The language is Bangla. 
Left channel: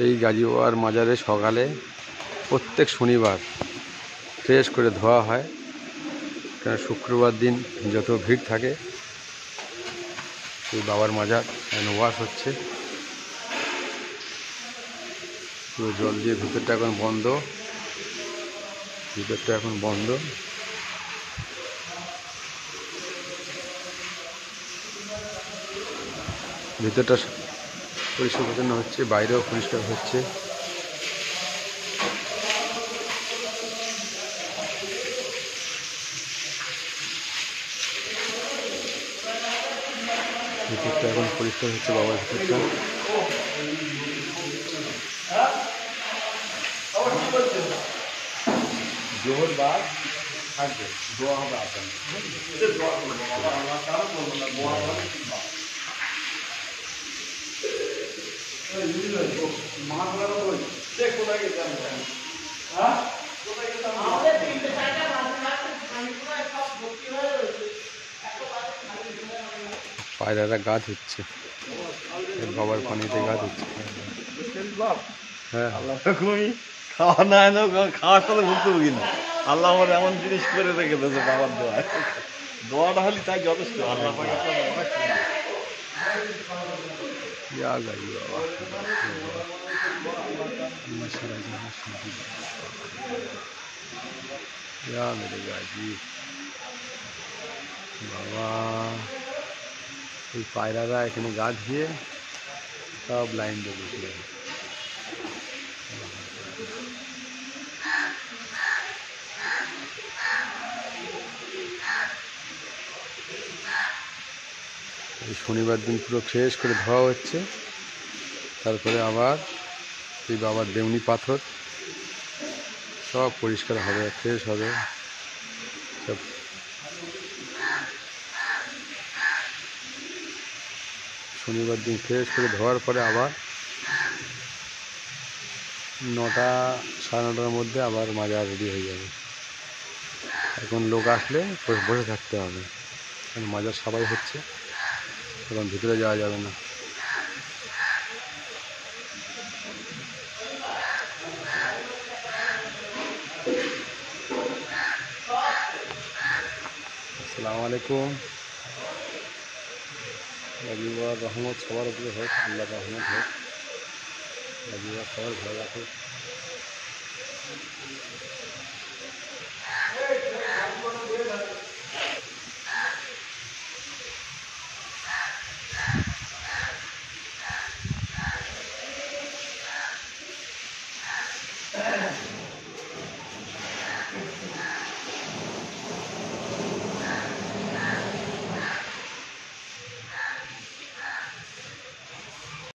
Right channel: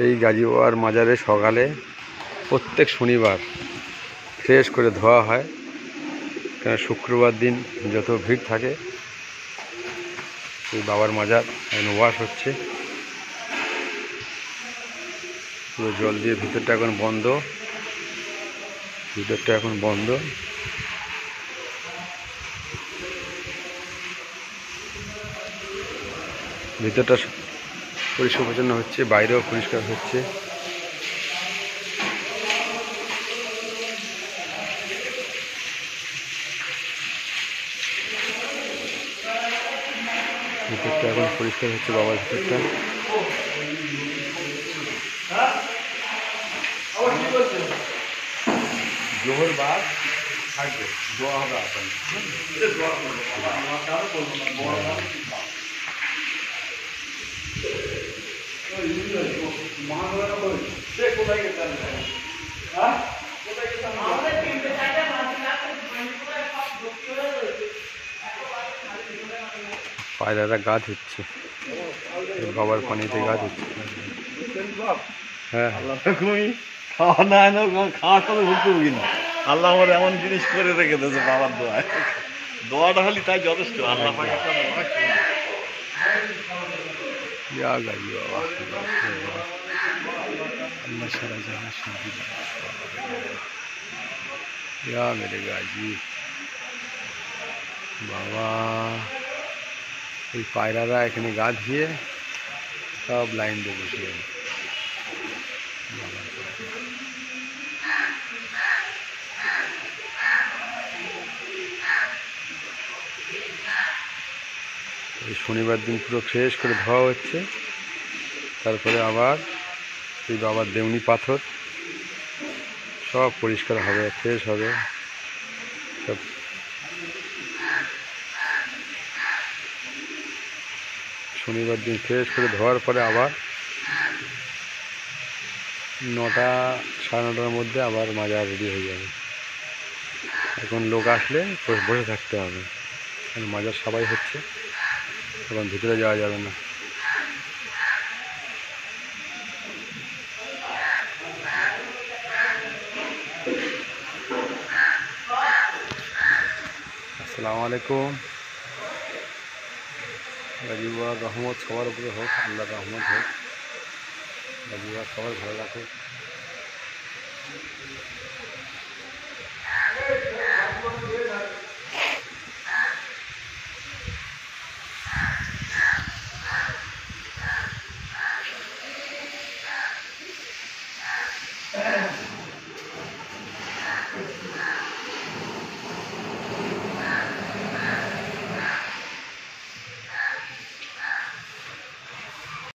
এই গাজীবাবার মাজারে সকালে প্রত্যেক শনিবার ফ্রেশ করে ধোয়া হয়, কারণ শুক্রবার দিন যত ভিড় থাকে। এই বাবার মাজার এখন ওয়াশ হচ্ছে, পুরো জল দিয়ে ভিতরটা এখন বন্ধ, ভিতরটা পরিষ্কার পরিচ্ছন্ন হচ্ছে, বাইরেও পরিষ্কার হচ্ছে। ভিতরটা এখন পরিষ্কার হচ্ছে বাবার ভিতরটা। জোহর বাদ থাকবে, দোয়া হবে আপনার। পায়রারা গা ধুচ্ছে, বাবার পানিতে গা ধুচ্ছে। হ্যাঁ, খাওয়া না খাওয়ার সাথে ভুক্তভোগী না। আল্লাহ আমার এমন জিনিস করে রেখে দিয়েছে বাবার দোয়ায়। দোয়াটা হলি তাই যথেষ্ট। আল্লাহ পাক একটা অনেক বাবা, এই পায়রারা এখানে গা ধুয়ে সব লাইন দিয়ে বসে যাবে। এই শনিবার দিন পুরো ফ্রেশ করে ধোয়া হচ্ছে, তারপরে আবার এই বাবার দেউনি পাথর সব পরিষ্কার হবে, ফ্রেশ হবে সব। শনিবার দিন ফ্রেশ করে ধোয়ার পরে আবার 9টা সাড়ে 9টার মধ্যে আবার মাজার রেডি হয়ে যাবে। এখন লোক আসলে বসে থাকতে হবে, কারণ মাজার সবাই হচ্ছে, এখন ভিতরে যাওয়া যাবে না। আসসালামু আলাইকুম। গাজীবাবার রহমত সবার উপরে হোক, আল্লাহর রহমত হোক, গাজীবাবার সবার ভালো রাখুক।